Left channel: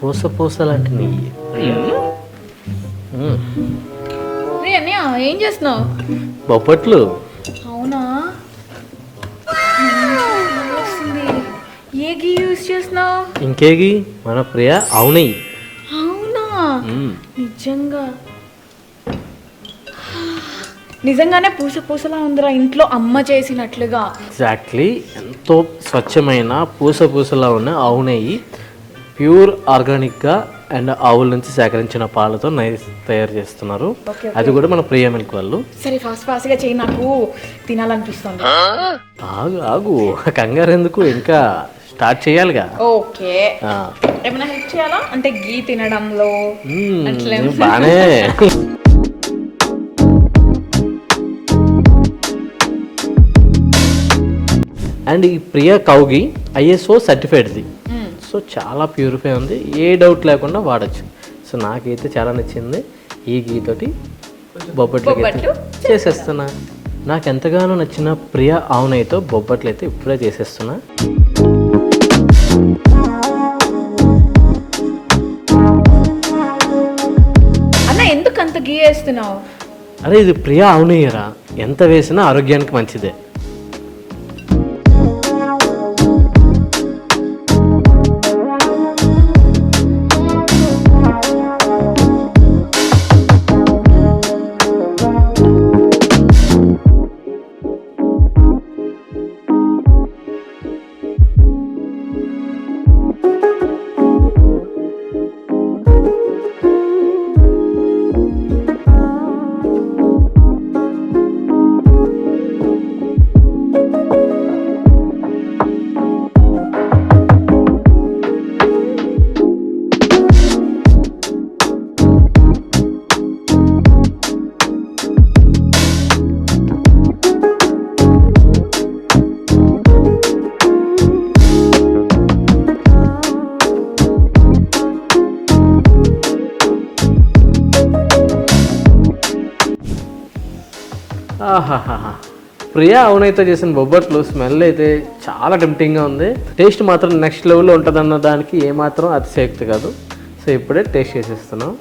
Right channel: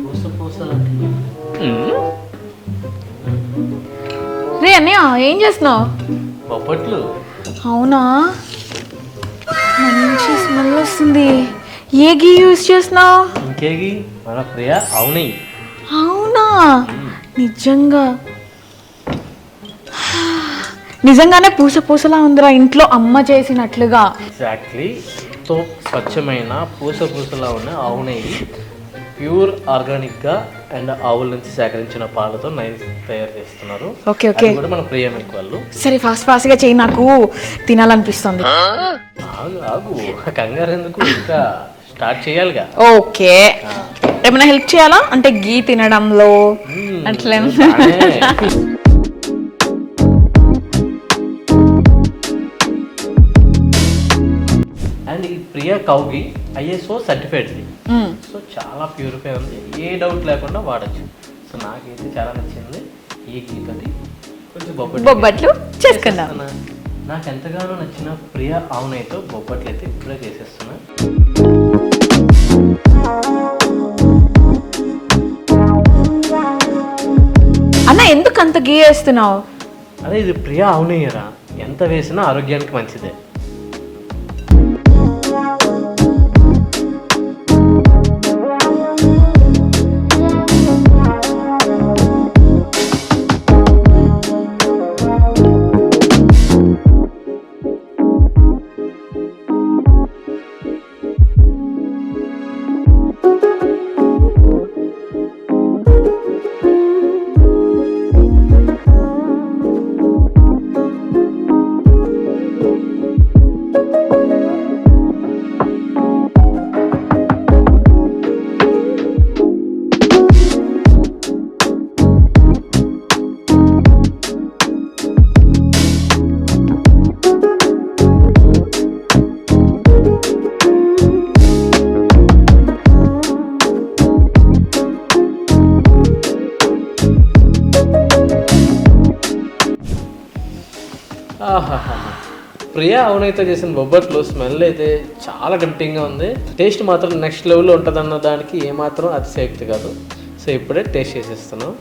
పూస పూసలాంటి నెయ్యి. రే అన్నయ్య ఏం చేస్తున్నావు? బొప్పట్లు. అవునా, స్మెల్ వస్తుంది. ఏ గీ యూజ్ చేస్తున్నావు? ఇంకేగి మన ప్రియ అవునయ్యి. అవునా, నిజంగానే పూస పూసలా ఉందిరా, ఇంట్లో అమ్మ చేసినట్లుగా. ఎగ్జాక్ట్లీ, ఎంతో స్వచ్ఛమైన పూస పూసలా ఉన్న ఆవు నెయ్యి, ప్యూర్ ఆర్గానిక్గా అండ్ ఆవుల నుంచి సేకరించిన పాలతో నెయ్యి తయారు చేస్తున్నారు. ఓకే అది కూడా మన ప్రియ మిల్క్ వాళ్ళు. సరే ఫాస్ట్ గా చెయ్యి, నాకు తినాలనిపిస్తుంది. ఆగు ఆగు, కంగారు ఎందుకు, ఇంకా స్టార్ట్ చేయాలిగా. ఓకే, ఏమైనా హెల్ప్ చేయాలా అంటే గీ తినడంలో అట్లే? అండ్ ఈ ప్రియ కౌగి ISO సర్టిఫైడ్ది. సో చాలా ప్యూరిఫై ఉంది, ఏ డౌట్ లేకుండా వాడచ్చు. సో నాకైతే చాలా నచ్చింది. ఈ గీ తోటి బొబ్బట్లు చేసేస్తున్నా. నాకు ఎంతగానో నచ్చిన ప్రియ ఆవునైతో బొబ్బట్లు అయితే ఇప్పుడే చేసేస్తున్నా. అన్న ఎందుకు అంత గీ వేస్తున్నావు? అరే ఇది ప్రియ ఆవునయ్యరా, ఎంత వేసినా ఆరోగ్యానికి మంచిదే. ప్రియా అవునైతే చేసిన బొబ్బట్లు స్మెల్ అయితే చాలా టెంప్టింగ్గా ఉంది. టేస్ట్ మాత్రం నెక్స్ట్ లెవెల్లో ఉంటుందన్న దానికి ఏమాత్రం అతిశయోక్తి కాదు. సో ఇప్పుడే టేస్ట్ చేసేస్తున్నాం.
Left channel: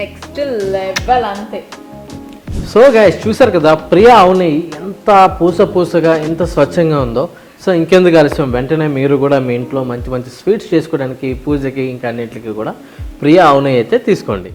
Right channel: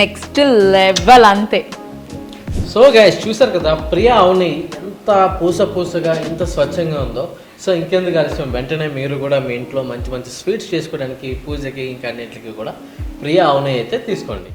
నెక్స్ట్ లెవెల్ అంతే. సో గైస్ చూసారు కదా, ప్రియా అవునయ్యి ఎంత పూసగా ఎంత స్వచ్ఛంగా ఉందో. సో ఇంకెందుకు ఆలస్యం, వెంటనే మీరు కూడా మీ ఇంట్లో మంచి మంచి స్వీట్స్ చేసుకోవడానికి, పూజకి ఇంకా అన్నింటికి కూడా ప్రియా అవునయ్యి అయితే తీసుకోండి.